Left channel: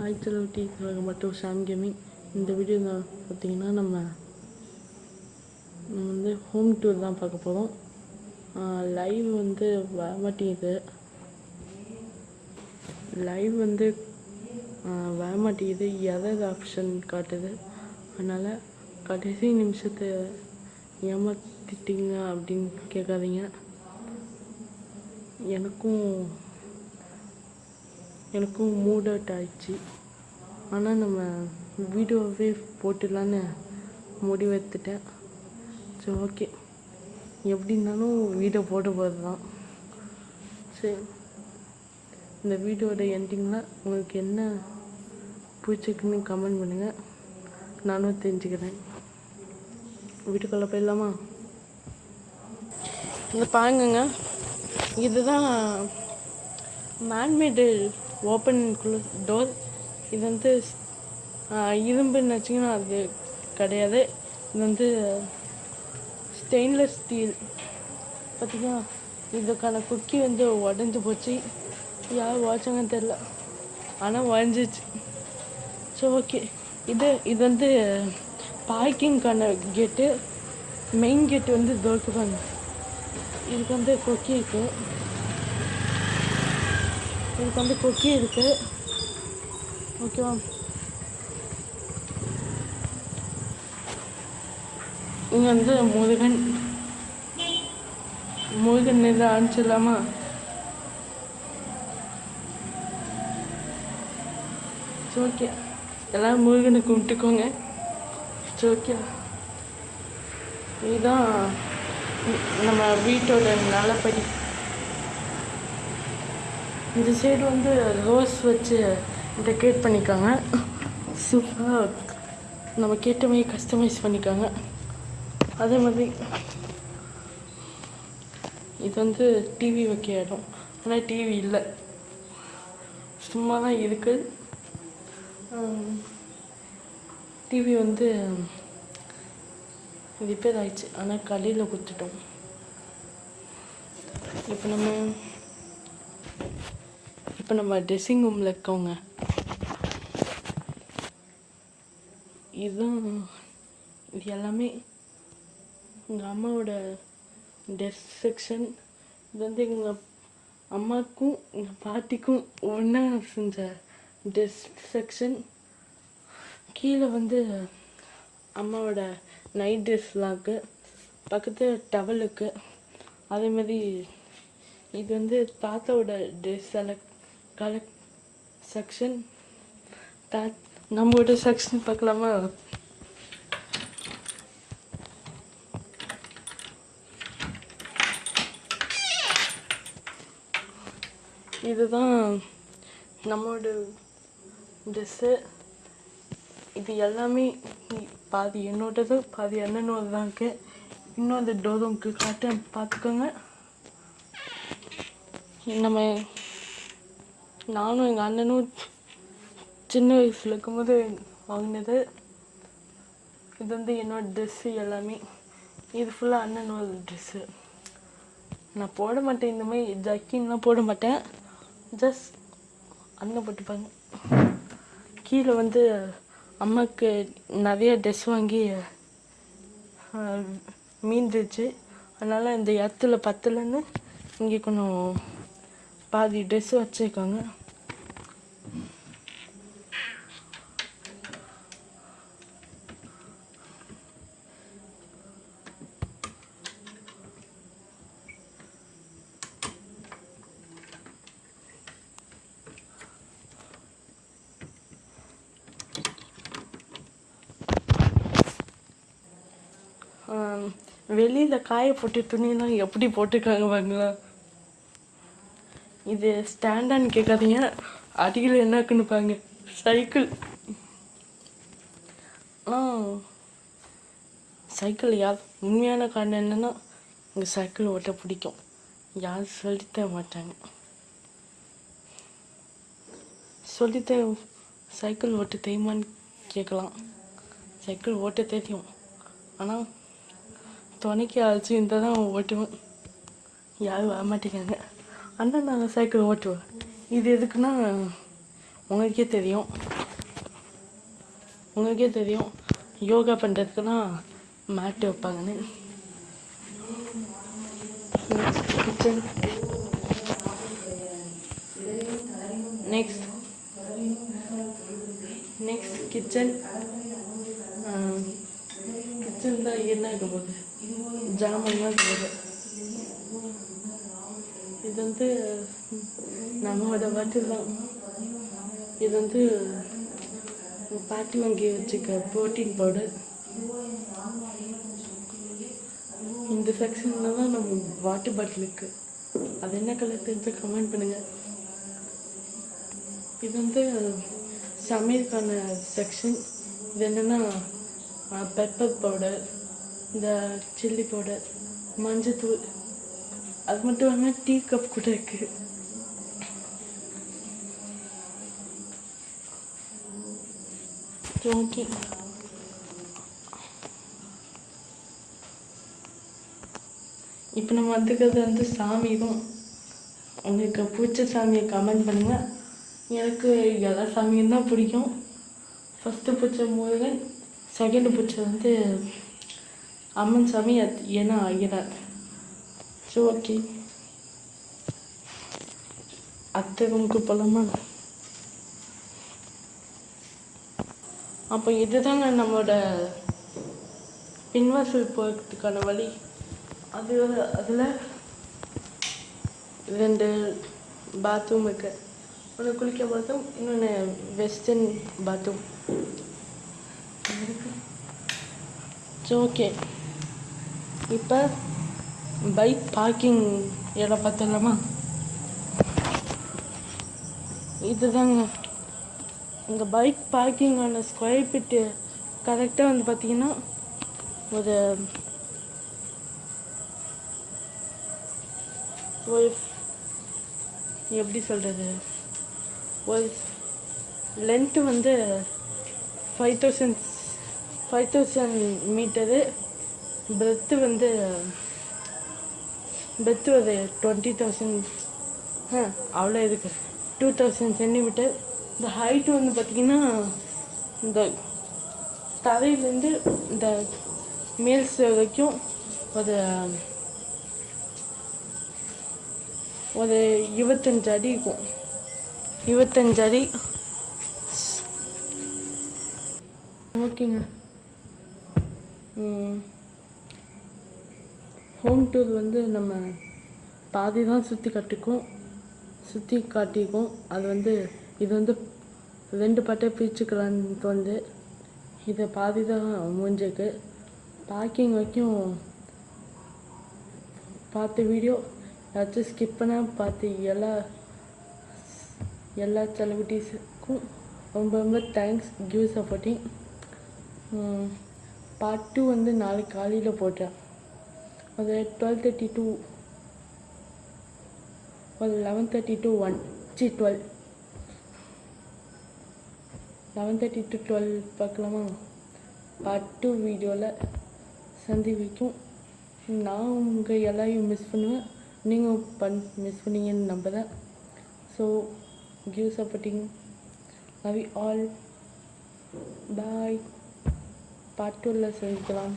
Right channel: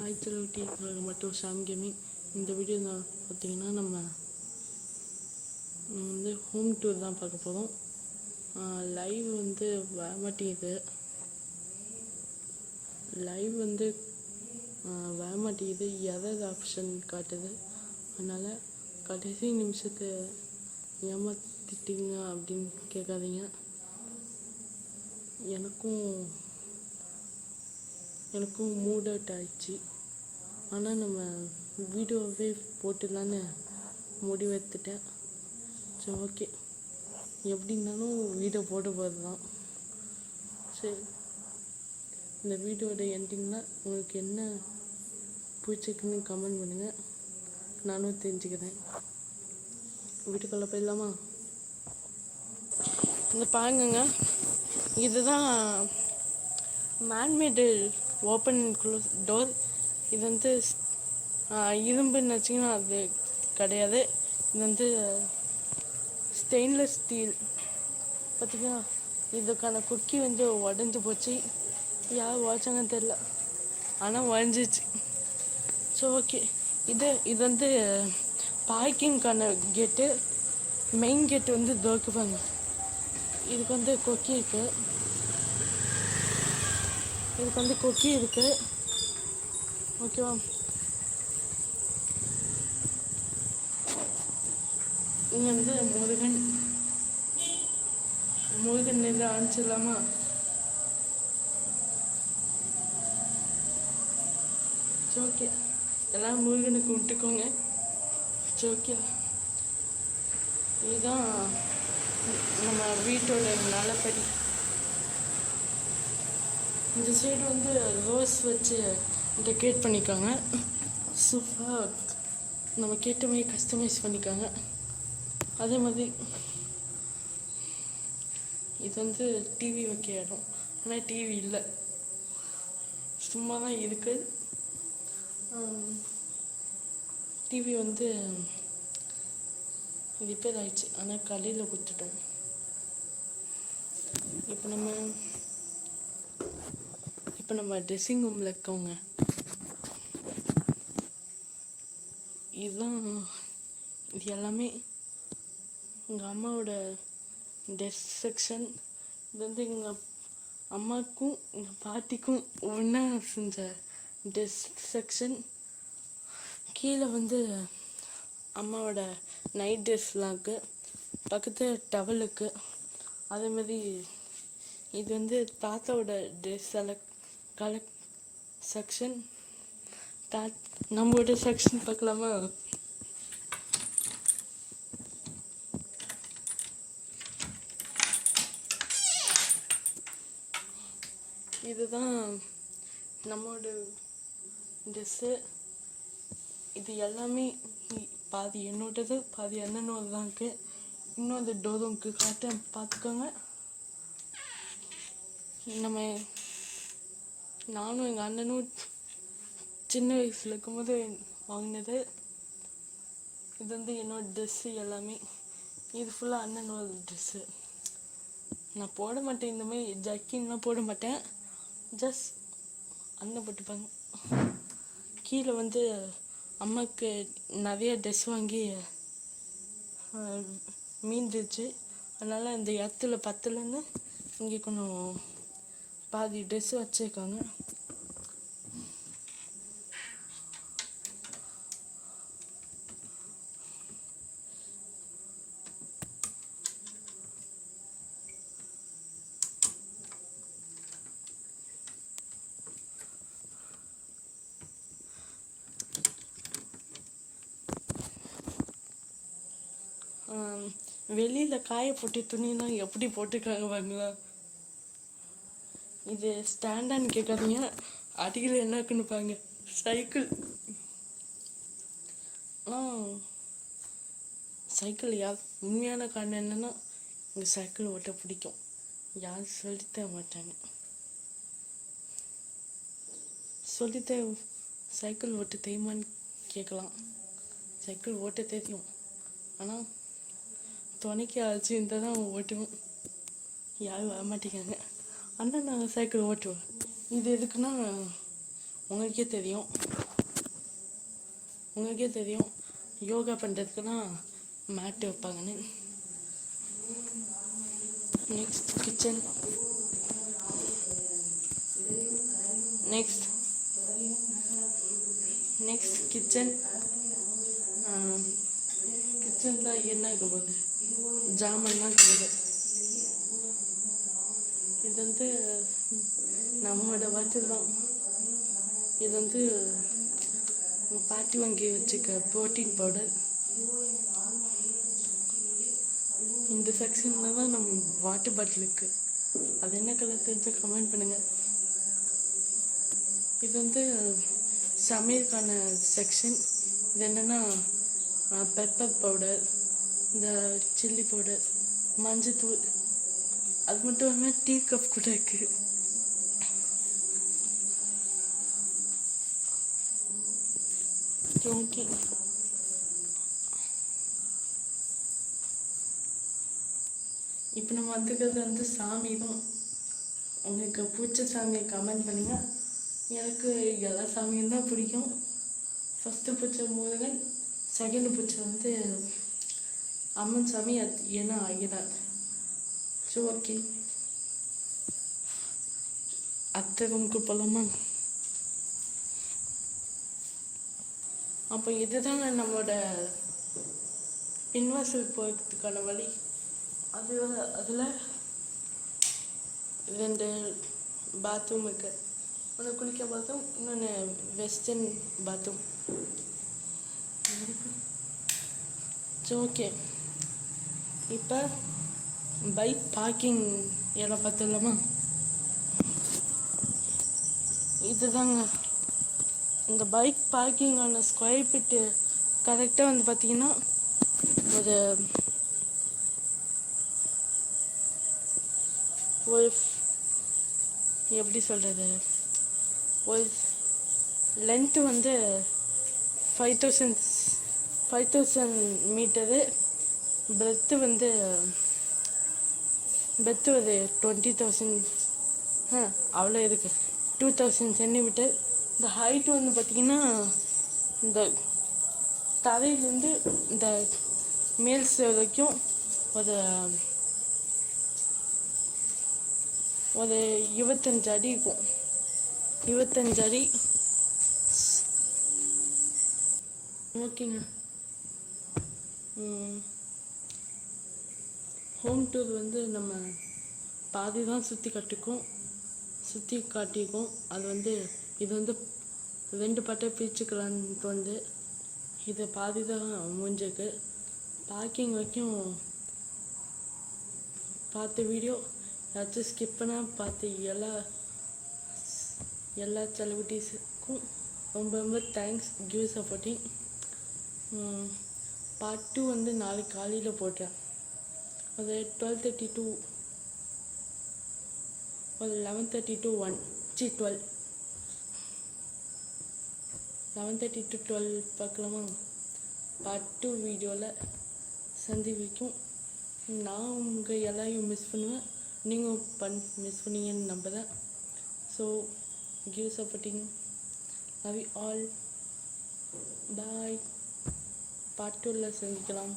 Hi செலவுட்டி மற்றும் Sham gaming. இந்த video தான் பார்த்திங்கன்னா நம்ம வந்து ஹோம் டூர் தான் பார்க்க போகிறோம். லைவ் வந்து வர மாட்டேங்குது. வர மாட்டேங்குது, எரர் ஆப்ஷன் காட்டுது. அதனால் கடைசி நிமிஷத்தை ஏமாற்றிட்டீங்க அப்படின்னு கேட்காதீங்க. எனக்கும் மூட் அவுட் ஆயிடுச்சு. ஆனால் நம்ம வீடியோவே போட்டுடலான்னு முடிவெடுத்துட்டேன். சரி, ஓகே, எப்படி இருந்தாலும் வீடியோ போட போகிறது தான். சரி, இந்த வீடியோட எண்டிங்கில் உங்களுக்கு என்ன பிடிச்சிருக்குன்னு கமெண்ட் பண்ணுங்கள், நானும் தெரிஞ்சுக்கிறேன். வீட்டுக்குள்ளே போயிடலாமா? இந்த பாருங்க, இதுதான் மேன்மேடு ஓப்பன் க்ளோஸ் டோர். இது வந்து இரும்புன்னு வச்சிங்கன்னா அது கிடையாது. இது வந்து ஸ்டெயின்லெஸ் ஸ்டீல். பார்த்திங்கன்னா இதுக்கான குக்கி வந்து உடஞ்சி போச்சு. யார் உடச்சாங்கன்னு தெரில, ஆனால் உடஞ்சிச்சு. ஸோ ஓகே, இது வந்து பார்க்கிங்கான கேட்டு. மெயின் கேட்டு வந்து தோக்குவாங்க. இதுக்கு வந்து கொக்கி இருக்குது. ஓகேவா? இங்கே வந்து முருகன் இதை அனுப்பிச்சிடலாமா? ஓகே, எல்லோரும் முருகனை கும்பிட்டுக்கோங்க. ஓகே, இதுதான் நம்ம வீட்டோட நல்லபடி. இந்த சைடு வந்து ரோஸ் வச்சு டெக்கரேட் பண்ணிக்காங்க. சூப்பராக நம்ம கேட்ட மாதிரி கஸ்டமைஸ் பண்ணிக்காங்க. அதே மாதிரி இது வந்து டிவி வைக்க இடம். ஆனால் டிவி இல்லை, சும்மா தான் இருக்குது. டிவி வந்து ரிப்பேர் ஆயிடுச்சு, ஆனால் கடையில் கொடுத்துட்டோம். இப்போ நம்ம ட்ரெஸ்ஸிங் ரூமில் இருக்கோங்க. இது எல்லாமே எங்கள் அம்மாவோட ட்ரெஸ் செக்ஷன். இது வந்து எங்கள் அம்மாவுக்கும் எங்கள் பாட்டிக்கும் ஒன்றா செஞ்ச ட்ரெஸ் செக்ஷன். கீழே வந்து அம்மாவோட நைட் ட்ரெஸ்லாம் இருக்குது. பக்கத்தில் டவல் இருக்குது. அதேமாதிரி இது வந்து தாத்தாவோட ட்ரெஸ் செக்ஷன். நம்மளோட செக்ஷன் பார்க்கலாமா? இதுதான் நம்மளோட ட்ரெஸ்ஸு. இது எல்லாமே பாதி என்னோடது, பாதி அண்ணனோட தான் இருக்குது. இன்னும் அந்த டோருக்கு காட்ட பார்த்துக்கோங்க. நானும் எங்கள் அண்ணனும் சின்ன வயசில் இருக்கும்போது வாங்கினது. இது வந்து என்னோடய ட்ரெஸ்ஸு எல்லாமே. இது ஃபுல்லாக அண்ணனோட ட்ரெஸ்ஸு. நான் போட மாட்டேன், இந்த மாதிரி ஜக்கின்லாம் போட மாட்டேன். ஜஸ்ட் அண்ணன் போட்டுப்பாங்க. கீழே வந்து அம்மாவுக்கு நிறைய ட்ரெஸ் வாங்கி மீந்துச்சு. அதனால் இந்த இடத்துல பத்தலைன்னு இங்கே கொஞ்சம் பாதி ட்ரெஸ்ஸு வச்சுருக்காங்க. வெளியில் காய போட்டு துணியெல்லாம் எப்படி போட்டுருக்காங்க பாருங்களா. இது ஸ்டாண்டான்னு கேட்காதீங்க, அடியில் என்ன இருக்குன்னு பாருங்க, சைக்கிள். சைக்கிள் யார் உண்மையான காரணம் என்னென்னா, இங்கே சைக்கிள் ஓட்ட பிடிக்கும். யாரும் சொல்லித்தர மாட்டாங்க. சைக்கிள் ஓட்ட தெரியுமான்னு கேட்கலாம். சைக்கிள் ஓட்ட தெரியும், ஆனால் துணைக்கு அழைச்சி இருந்தால் தான் ஓட்டுவேன். யாரும் வர மாட்டேங்காங்க. ஆனால் நாங்கள் சைக்கிள் ஓட்டுவேன். இது எதுக்குன்னா உங்களுக்கே தெரியும் யோகா பண்ணுறதுக்குலாம் மேட்டு வைப்பாங்கன்னு. Next kitchen. நெக்ஸ்ட் கிச்சன் தான் என்ன இருக்க போகுது, ஜாமான் தான் போகுது. இது வந்து நம்மளோட பாட்டில் தான். இது வந்து பாட்டி வாங்கி வச்சுக்க ப்ரோட்டீன் பவுடர். இந்த செக்ஷனில் தான் நம்ம வாட்டர் பாட்டில் இருக்குது. அது என்ன கலர் தெரிஞ்சு கமெண்ட் பண்ணுங்கள். இது வந்து சமையலுக்கான செக்ஷன். இது என்னென்னா பெப்பர் பவுடர், இந்த சில்லி பவுடர், மஞ்சத்தூள், அது மட்டும் இல்லாமல் டீ கப் கூட இருக்குது. ஓகே, இப்போ நம்ம வந்துக்கிறது வந்து சாமி தான். உங்களுக்கு பிடிச்ச சாமியை கமெண்ட் பண்ணுங்கள். எனக்கு எல்லா சாமியும் தான் பிடிக்கும். ஃபஸ்ட்டு பிடிச்ச முருகன், செகண்டு பிடிச்சது வந்து அம்மன் சாமி, ஏன்னா ஐயனார். ஸோ ஓகே, அத்தை ரூமுக்கு போகலாமா? அப்போ இதுதாங்க நம்மளோட பின்வாசல் போகிறதுக்கான வழி. அதில் 2 பாத்ரூம் இருக்கு. ஒன்று குளிக்க பாத்ரூம், இன்னொன்று வெஸ்டர்ன் பாத்ரூம். சரி ஓகே, இப்போ பைக் பார்க்கிங் இடம் பார்த்துடலாமா? இதுதாங்க இந்த பைக் பார்க்கிங்கான ஸ்கொயர் ஃபீட்டு கரெக்டாக வந்து பார்த்திங்கன்னா ஒரு எப்படி சொல்கிறது, ஒரு லென்த்து வந்து 5000 மீட்டரு, பிரெத்து வந்து ஒரு 20,000, அவ்வளோ இருக்குது, 2000 சென்டிமீட்டர். இந்த ஹைட்டு வந்து பார்த்திங்கன்னா இந்த தரையிலேருந்து இந்த மேல்ஸ் வரைக்கும் ஒரு 25 அடி இருக்கும். 25 அடி. ஓகேங்க, ஹோம் டூர் வந்து நம்ம பாதி தான் சுற்றி காட்டியிருக்கோம். அது வந்து இது வந்து 2 பாட்டாக பிரிச்சுக்கலான்னு தோணுது. இதை பாதி தான் முடிஞ்சிருக்கு. பார்க்கிங் வரைக்கும் பார்த்த வீடியோ ஏதாச்சும் ஸ்கிப் பண்ணால் பார்த்து எல்லா செலிபிரிட்டிஸுக்கும் ரொம்ப தேங்க்ஸ். Give supporting. பார்ட் 2 வந்து நாளைக்கு காலையில் போட்டேன். அது 12:30 to 11:30 to 1 12 11:30 to 12 பார்க்கலாமா? பார்ட் 2 வீடியோவில் சந்திக்கும். நான் உங்கள் எல்லாரையும் மிஸ் பண்ணுவேன், நீங்கள் மிஸ் பண்ணீங்கன்னு நம்புகிறேன். So give supporting. Love you all. Bye. Part 2ல் சந்திக்கலாம்.